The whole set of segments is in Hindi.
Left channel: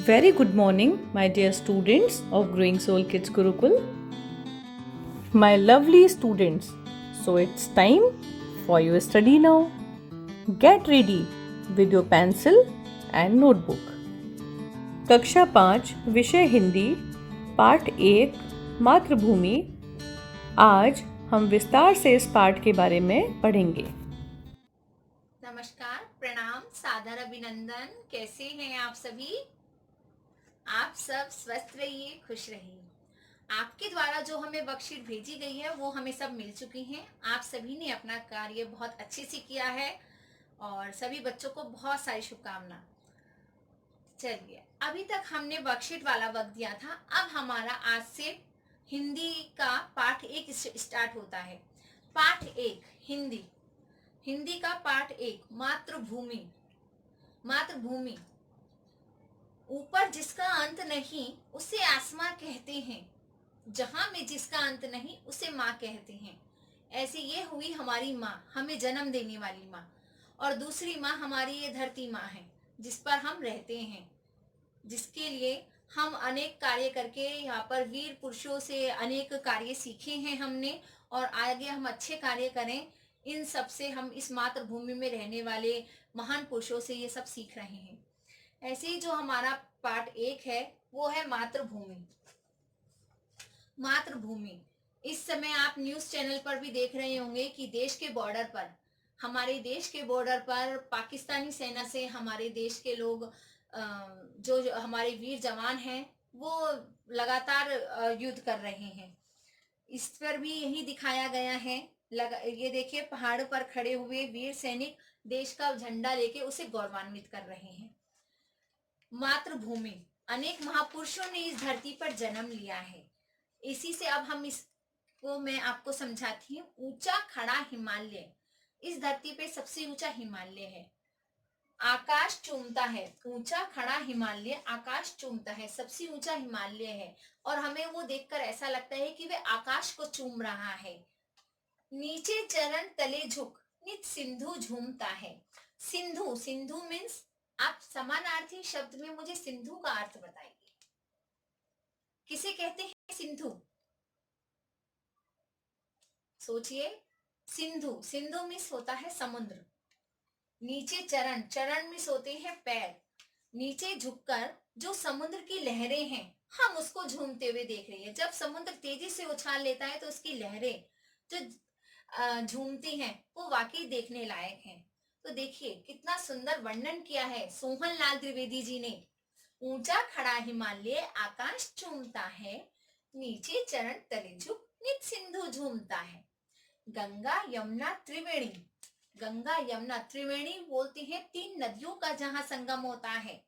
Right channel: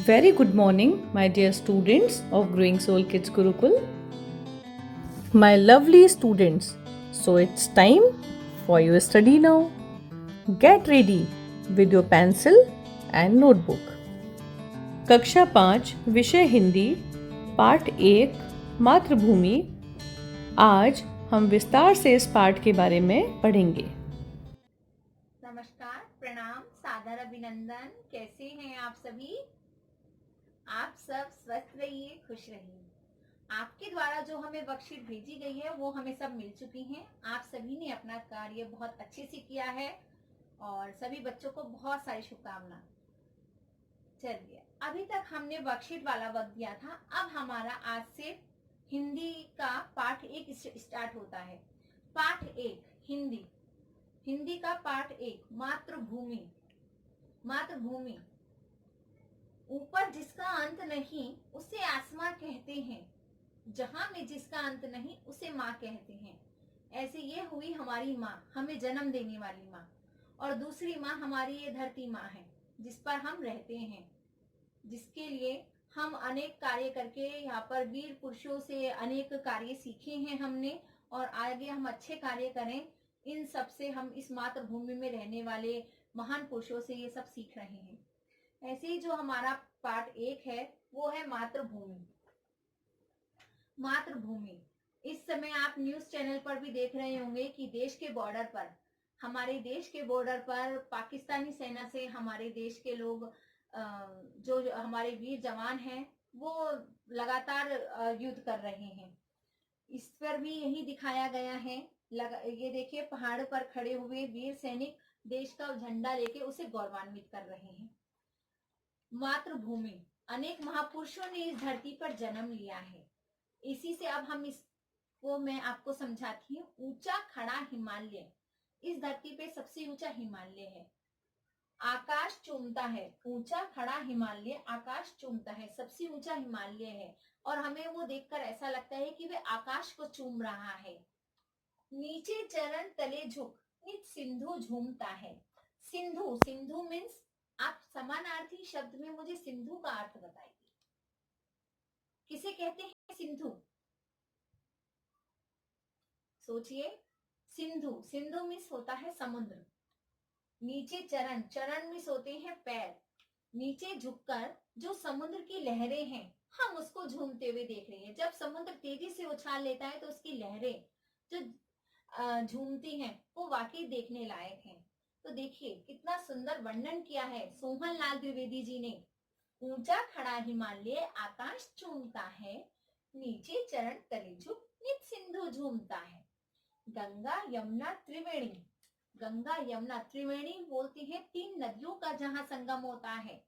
Very good morning, my dear students of Growing Soul Kids Gurukul. My lovely students, so it's time for your study now. Get ready with your pencil and notebook. कक्षा 5 विषय हिंदी पाठ 1 मातृभूमि। आज हम विस्तार से इस पाठ के बारे में पढ़ेंगे। नमस्कार, प्रणाम, सादर अभिनंदन। कैसे हैं आप सभी? आप सब स्वस्थ रहिए, खुश रहिए। आपके द्वारा जो हमें वर्कशीट भेजी गई है वो हमें सब मिल चुकी हैं। आप सभी ने अपना कार्य बहुत अच्छे से किया है और सभी बच्चों को बहुत सारी शुभकामनाएं। चलिए, अभी तक हमने वर्कशीट वाला वक्त दिया था। अब हमारा आज से हिंदी का पाठ 1 स्टार्ट होता है। पाठ 1 हिंदी। हिंदी का पाठ 1 मातृभूमि। मातृभूमि। ऊपर जिसका अंत नहीं उसे आसमां कहते हैं, जहां में जिसका अंत नहीं उसे माँ कहते हैं। ऐसी ये हुई हमारी माँ, हमें जन्म देने वाली माँ। और दूसरी माँ हमारी ये धरती माँ है जिस पर हम रहते हैं, जिसके लिए हम अनेक कार्य करके यहाँ पर वीर पुरुषों से अनेक कार्य सीखे हैं हमने, और आगे हम अच्छे कार्य करें। इन सब से हम इस मातृभूमि में रहने वाले महान पुरुषों से ये सब सीख रहे हैं। ऐसे ही जो हमारा पार्ट 1 है वो है मातृभूमि। मातृभूमि। इस समय आप न्यूज चैनल पर भी देख रहे होंगे कि देश के बॉर्डर पर, हमारे देश के बॉर्डर पर पाकिस्तानी सेना से हमारे देश के लोग, जो हमारे वीर जवान हैं, वो लगातार युद्ध कर रहे हैं। इस पर भी यही दिखाया गया है। ये देखिए, पहाड़ पर खड़े हुए वीर सैनिक देश का झंडा लेके उसे गौरवान्वित कर रहे हैं। मातृभूमि। अनेक महापुरुषों ने इस धरती पर जन्म लिया है। इसी से अब हम इसको मैं आपको समझाती हूँ। ऊंचा खड़ा हिमालय। इस धरती पे सबसे ऊंचा हिमालय है। आकाश चूमता है। ऊंचा खड़ा हिमालय आकाश चूमता है, सबसे ऊंचा हिमालय है। और हमें वो देखकर ऐसा लगता है कि वे आकाश को चूम रहा है। नीचे चरण तले झुक, नित सिंधु झूमता है। सिंधु। सिंधु मीन्स, आप समानार्थी शब्द में मुझे सिंधु का अर्थ बताइए। किसे कहते हैं सिंधु? सोचिए। सिंधु। सिंधु मीन्स होता है समुद्र। नीचे चरण। चरण मीन्स होते हैं पैर। नीचे झुककर जो समुद्र की लहरें हैं, हम उसको झूमते हुए देख रही है। जब समुद्र तेजी से उछाल लेता है तो उसकी लहरें जो झूमती हैं वो वाकई देखने लायक हैं। तो देखिए कितना सुंदर वर्णन किया है सोहन लाल त्रिवेदी जी ने। ऊंचा खड़ा हिमालय आकाश चूमता है, नीचे चरण तले झुक नित सिंधु झूमता है। गंगा यमुना त्रिवेणी। गंगा यमुना त्रिवेणी बोलते हैं 3 नदियों का जहां संगम होता है।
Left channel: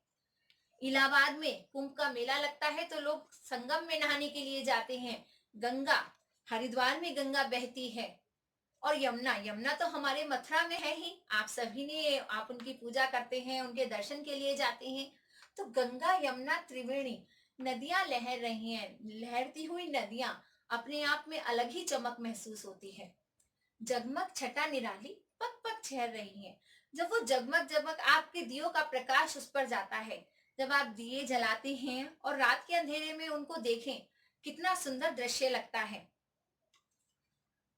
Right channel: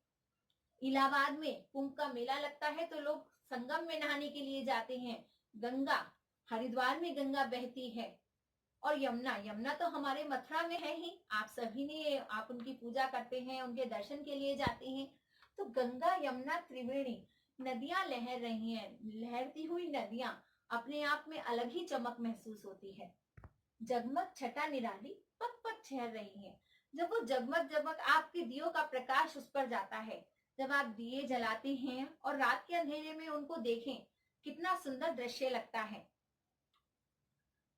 इलाहाबाद में कुंभ का मेला लगता है तो लोग संगम में नहाने के लिए जाते हैं। गंगा, हरिद्वार में गंगा बहती है। और यमुना, यमुना तो हमारे मथुरा में है ही। आप सभी ने, आप उनकी पूजा करते हैं, उनके दर्शन के लिए जाते हैं। तो गंगा यमुना त्रिवेणी नदियां लहर रही हैं। लहरती हुई नदियां अपने आप में अलग ही चमक महसूस होती है। जगमग छटा निराली पग पग छहर रही है। जब वो जगमग जगमग आपके दियों का प्रकाश उस पर जाता है, जब आप दिए जलाते हैं और रात के अंधेरे में उनको देखें, कितना सुंदर दृश्य लगता है।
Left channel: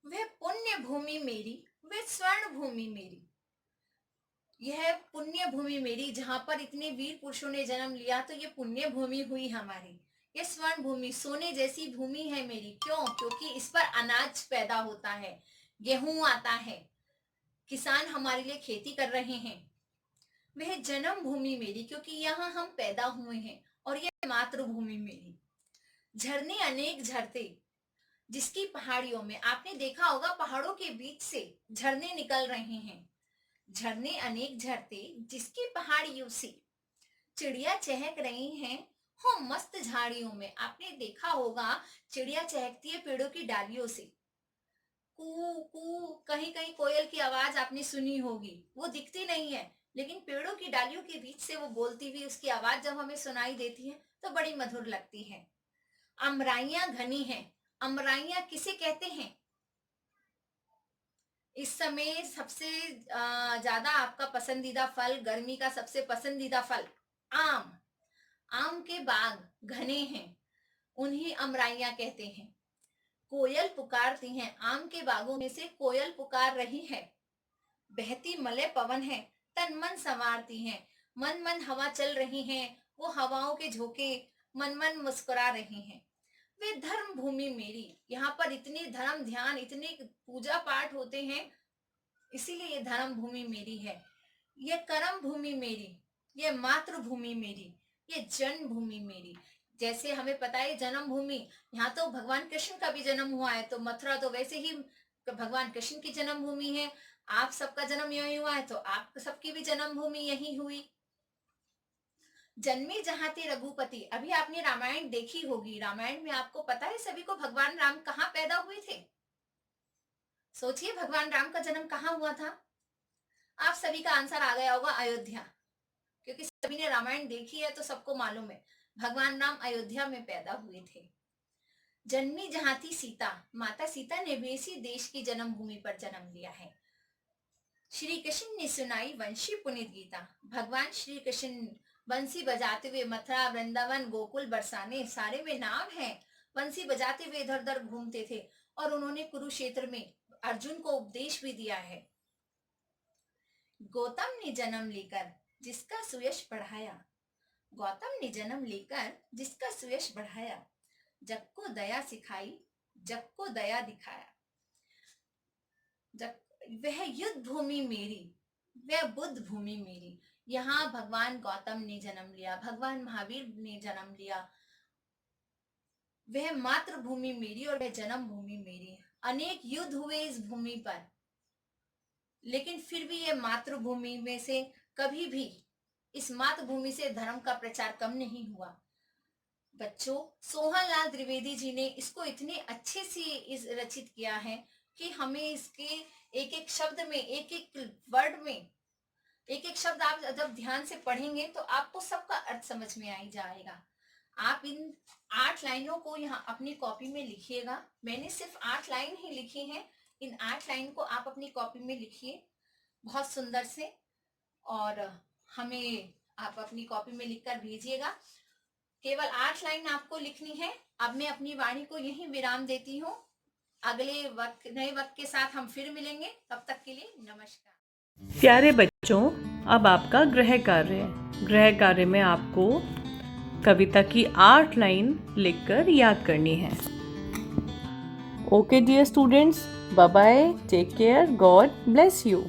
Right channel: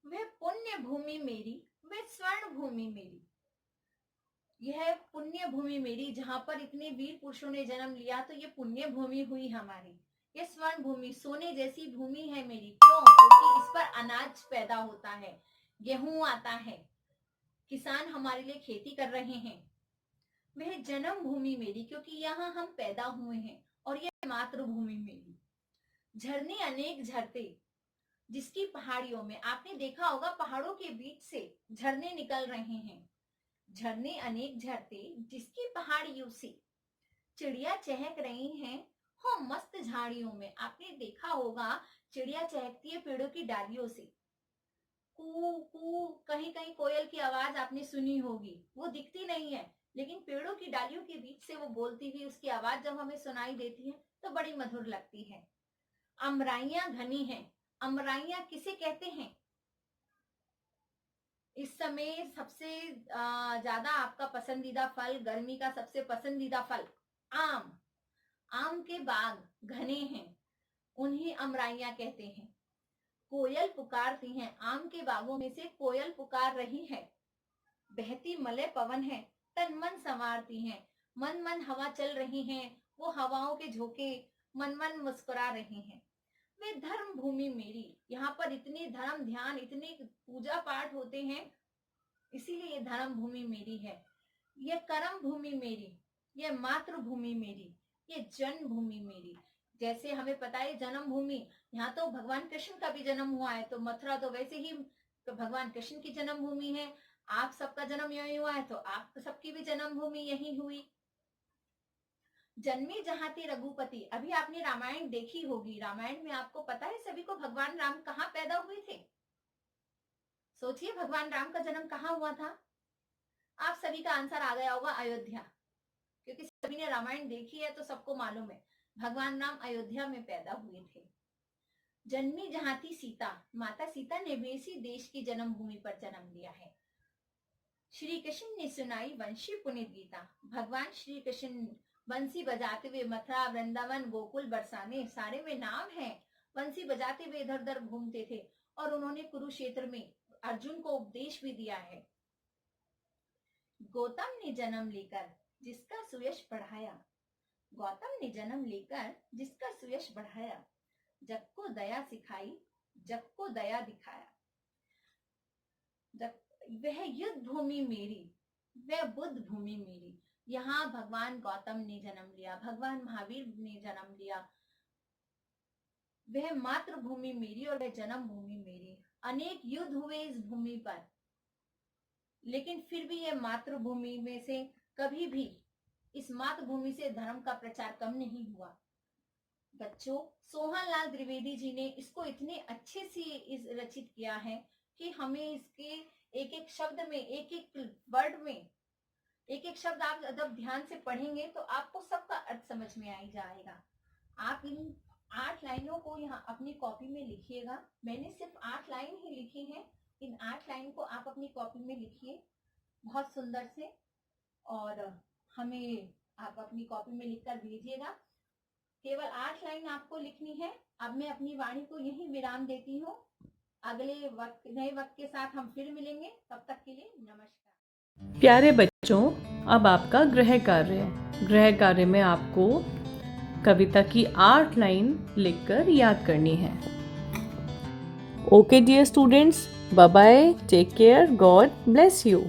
वह पुण्य भूमि मेरी, वह स्वर्ण भूमि मेरी। यह पुण्य भूमि मेरी, जहां पर इतने वीर पुरुषों ने जन्म लिया, तो ये पुण्य भूमि हुई हमारी। ये स्वर्ण भूमि, सोने जैसी भूमि है मेरी। क्यों? क्योंकि इस पर अनाज पैदा होता है, गेहूं आता है, किसान हमारे लिए खेती कर रहे हैं। वह जन्म भूमि मेरी, क्योंकि यहाँ हम पैदा हुए हैं। और यह मातृभूमि मेरी। झरने अनेक झरते, जिसकी पहाड़ियों में आपने देखा होगा पहाड़ों के बीच से झरने निकल रहे हैं। झरने अनेक झरते, जिसकी पहाड़ियों से चिड़िया चहक रही हैं। हो मस्त झाड़ियों में, आपने देखा होगा चिड़िया चहकती है पेड़ों की डालियों से। कू कू, कहीं कहीं कोयल की आवाज आपने सुनी होगी। वो दिखती नहीं है, लेकिन पेड़ों की डालियों के बीच से वो बोलती हुई उसकी आवाज जब हमें सुनाई देती है तो बड़ी मधुर लगती है। अमराइयां घनी हैं। अमराइयां किसे कहते हैं? इस समय सबसे ज्यादा आपका पसंदीदा फल, गर्मी का सबसे पसंदीदा फल आम। आम के बाग घने हैं, उन्हें अमराइयां कहते हैं। कोयल पुकारती हैं, आम के बागों में से कोयल पुकार रही है। बहती मलय पवन है, तन मन संवारती हैं, मन मन हवा चल रही हैं, वो हवाओं के झोंके मन मन मुस्कुरा रही हैं। वे धर्म भूमि मेरी, यहाँ पर इतने धर्म ध्यान, इतने पूजा पाठ होते हैं, इसीलिए ये धर्म भूमि मेरी है। ये कर्म भूमि मेरी, ये मातृभूमि मेरी, ये जन्म भूमि मेरी। जैसे हमें पता है जन्म भूमि, यहाँ तो भगवान कृष्ण का भी जन्म हुआ है, तो मथुरा तो वैसे ही भगवान कृष्ण की जन्म भूमि है। आप सबका जन्म यही हुआ है, तो आप सबकी भी जन्म भूमि यही हुई। जन्मे जहां थे रघुपति, अभी आपने रामायण देखी होगी। रामायण में आपको पता है सभी को भगवान राम कहाँ पैदा हुए थे? सोचिए भगवान राम का जन्म कहाँ हुआ था? आप सभी का आंसर आ गया होगा, अयोध्या। क्योंकि सभी ने रामायण देखी है तो सबको मालूम है भगवान राम अयोध्या में पैदा हुए थे। जन्मी जहां थी सीता, माता सीता ने भी इसी देश की जन्मभूमि पर जन्म लिया है। श्री कृष्ण ने सुनाई वंशी पुनीत गीता, भगवान श्री कृष्ण बंसी बजाते हुए मथुरा, वृंदावन, गोकुल बरसाने सारे में नाम है। बंसी बजाते हुए इधर उधर घूमते थे और उन्होंने कुरुक्षेत्र में अर्जुन को उपदेश भी दिया है। गौतम ने जन्म लेकर जिसका सुयश बढ़ाया, गौतम ने जन्म लेकर जिसका सुयश बढ़ाया, जग को दया सिखाई, जग को दया दिखाया। जग वह युद्ध भूमि मेरी, वह बुद्ध भूमि मेरी। यहाँ भगवान गौतम ने जन्म लिया, भगवान महावीर ने जन्म लिया। वह मातृभूमि मेरी और वह जन्म भूमि मेरी। अनेक युद्ध हुए इस भूमि पर, लेकिन फिर भी यह मातृभूमि में से कभी भी इस मातृभूमि से धर्म का प्रचार कम नहीं हुआ। बच्चों, सोहन लाल द्विवेदी जी ने इसको इतने अच्छे से इस रचित किया है कि हमें इसके एक एक शब्द में, एक एक वर्ड में, एक एक शब्द आप जब ध्यान से पढ़ेंगे तो आपको सबका अर्थ समझ में आ ही जाएगा। आप इन 8 लाइनों को यहाँ अपनी कॉपी में लिखिएगा। मैंने सिर्फ 8 लाइन ही लिखी हैं। इन 8 लाइन को आप अपनी कॉपी में लिखिए बहुत सुंदर से, और हमें आप अपनी कॉपी में लिखकर भेजिएगा। केवल 8 लाइन आपको लिखनी है। अब मैं अपनी वाणी को यहीं विराम देती हूँ। अगले नए वक्त के साथ हम फिर मिलेंगे। तब तक के लिए नमस्कार। प्यारे बच्चों, अब आपका गृह कार्य है। गृह कार्य में आपको कविता की 8 लाइन लिखकर याद करनी है। Okay dear students, bye bye, take care, God bless you.